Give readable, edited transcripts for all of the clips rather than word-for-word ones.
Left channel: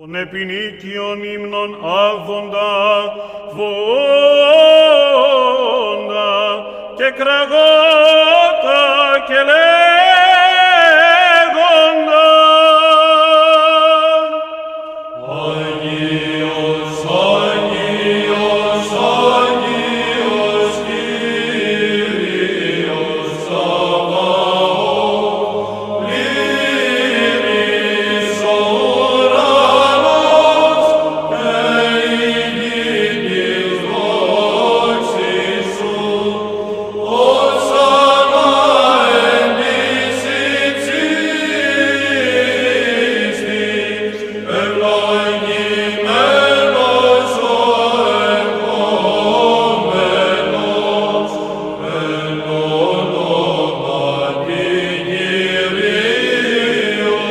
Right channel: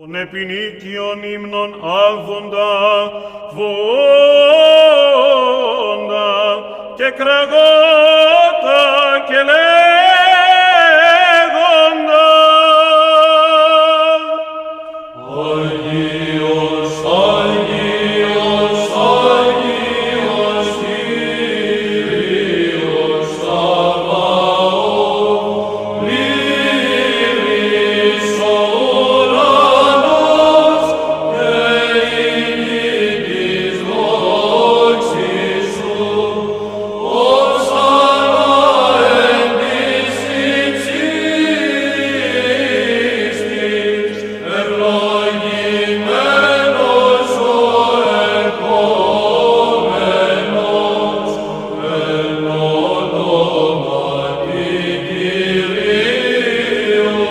Τον επινίκιον ύμνον άβοντα, βόντα και κραγότα και λέγοντα. Άγιος, Άγιος, Άγιος, Κύριος Σαββαώθ, πλήρης ο ουρανός και η γη της δόξης σου. Ωσανά εν της υψίστης, ευλογημένος ο ερχόμενος, εν ονόματι Κυρίου.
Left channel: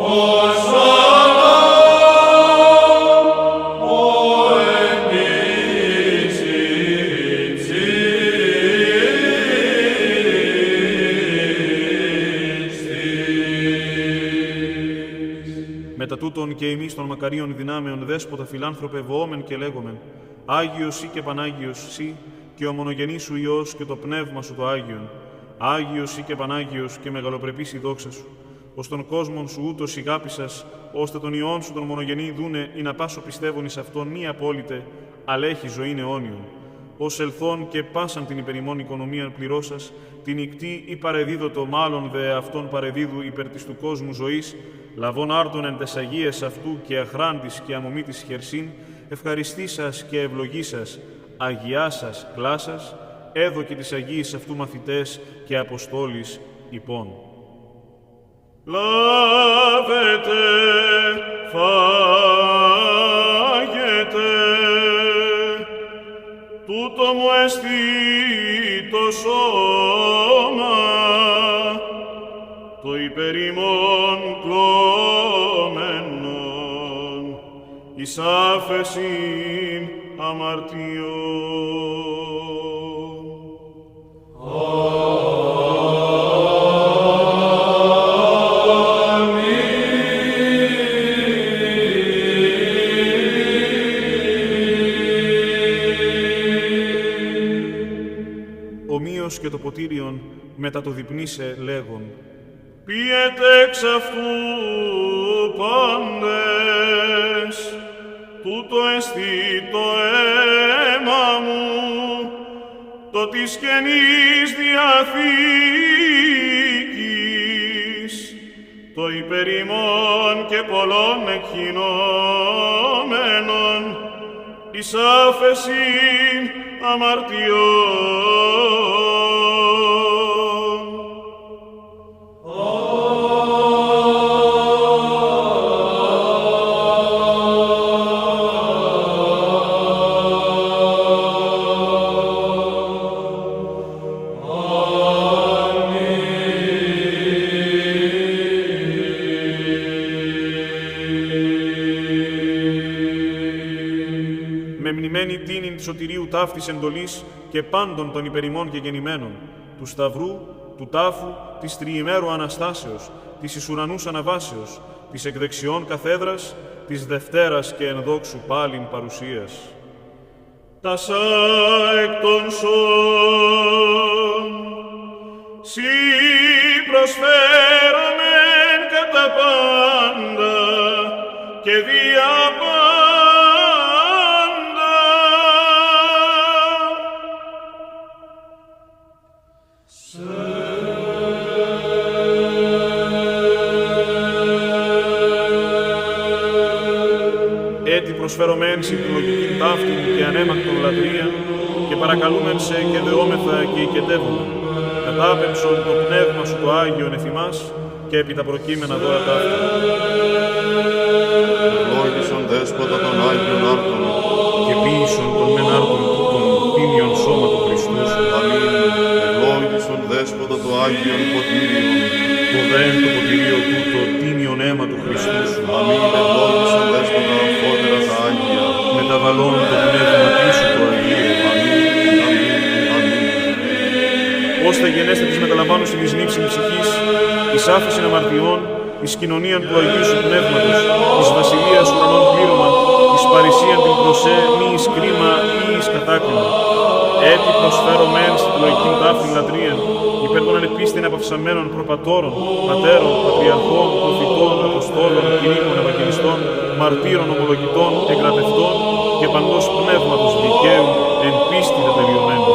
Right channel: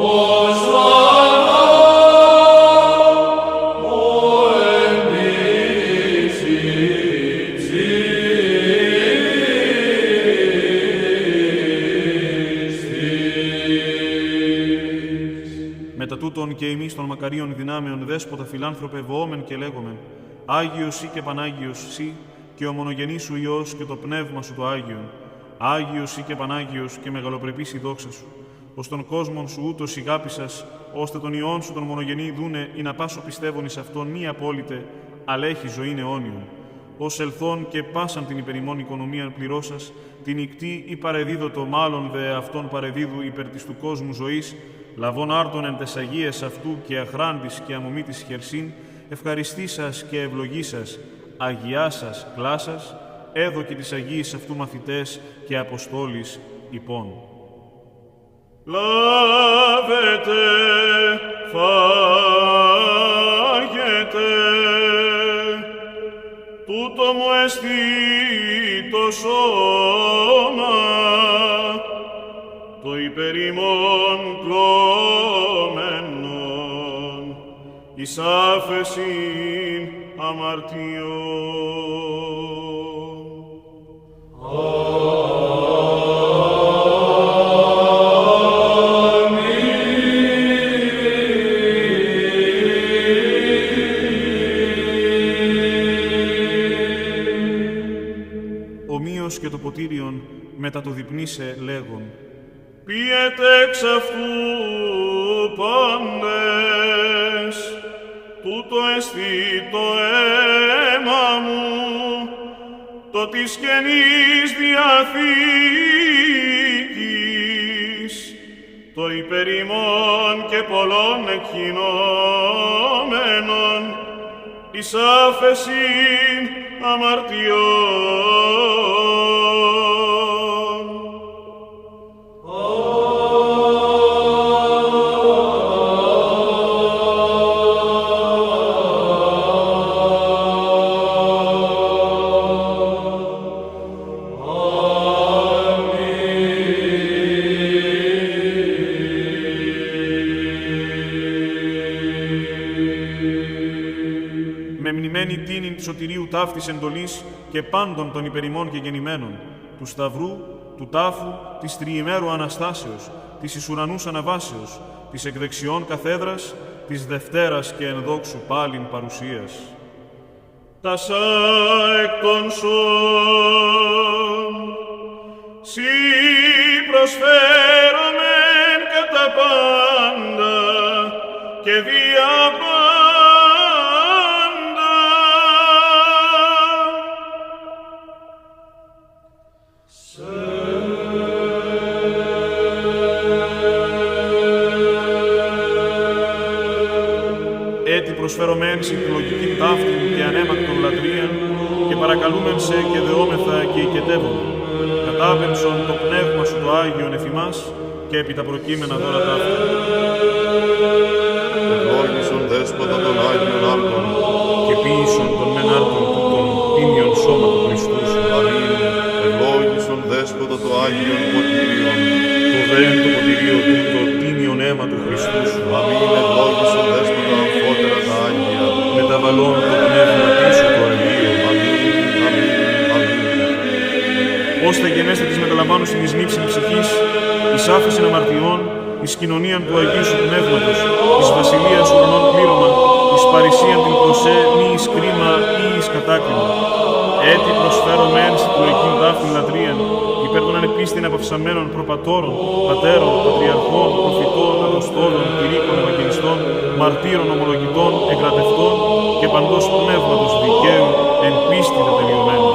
Ωσανά ο εν της υψίστης. Μετά τούτον και εμείς των μακαρίων δυνάμεων δέσποτα φιλάνθρωπε βοόμεν και λέγομεν, Άγιος σοι και Πανάγιος σοι και ο μονογενής σου Υιός και το Πνεύμα σου το Άγιον. Άγιος σοι και Πανάγιος και μεγαλοπρεπής η δόξα σου. Ως τον κόσμον σου ούτως ηγάπησας, ώστε τον Υιόν σου τον μονογενή δούνε ή να πάσο πιστεύων εις αυτόν μη απόλυτε, αλλά έχει ζωήν αιώνιον. Ως ελθόν και πάσαν την υπερημών οικονομίαν πληρώσας, την ικτή ή παρεδίδωτο μάλλον δε αυτόν παρεδίδου υπέρ της του κόσμου ζωής, λαβών άρτων εν τες αγίες αυτού και αχράντης και αμομήτης χερσίν, ευχαριστήσας και ευλογήσας, αγιάσας κλάσας, έδω και τις αγίες αυτού μαθητές και αποστόλης υπών. Λάβετε, φάγετε, τούτο μου εστί το σώμα, το υπερημών κλώμενον, εις άφεσιν αμαρτιών. Ομοίως και το ποτήριον μετά το διπνήσε λέγον, Πιετε εξ αυτού πάντες, τούτο εστί το αίμα μου, το της Καινής Διαθήκης, το υπερημών και πολλών εκχυνόμενων, εις άφεσιν αμαρτιών. Με μνημένη τίνην της σωτηρίου ταύτης εντολής και πάντων των υπερημών και γεννημένων, του Σταυρού, του τάφου, της τριημέρου Αναστάσεως, της εις ουρανούς αναβάσεως, της εκδεξιών καθέδρας, της Δευτέρας και ενδόξου πάλιν παρουσίας. Τασά εκ των σών, σοι προσφέρομεν κατά πάντα και δια πάντα. Έτσι προσφέρομεν συν τη λογική ταύτη και ανέμακτον λατρείαν και παρακαλούμεν σε και δεόμεθα και οικετεύομεν. Κατάπεμψον το Πνεύμα σου το Άγιον εφημάς και επί τα προκείμενα δώρα ταύτα. Ευλόγησον Δέσποτα των Άγιων Άρτων Και ποίησον τον μεν άρτον των τίμιον σώμα του Χριστού σου. Αμήν. Ευλόγησον Δέσποτα το Άγιον Ποτήριον. Το δέν το ποτηρίο τούτο τίμιον αίμα του Χριστού σου. Αμήν. Ευλόγησον Δέσποτα αμφότερα τα Άγια. Μεταβαλών το πνεύμα σου το Αγίο. Αμήν. Αμήν. Αμήν. Ώστε γενέστε της μεταλαμβάνωση της νύψης ψυχής, εις άφεσιν αμαρτιών, εις κοινωνίαν του Αγίου σου Πνεύματος, εις βασιλείαν παρησίαν την προσέ, μη εις κρίμα ή εις κατάκριμα. Έτσι προσφέρω μεν στη λογική ταύτην λατρείαν, υπέρ των ανεπίστην απαυσαμένων προπατώρων, πατέρων, πατριαρχών, προφητών, αποστόλων, κηρύκων, ευαγγελιστών, μαρτύρων, ομολογητών, εκρατευτών και παντός πνεύματος δικαίου εν πίστη τετελειωμένων.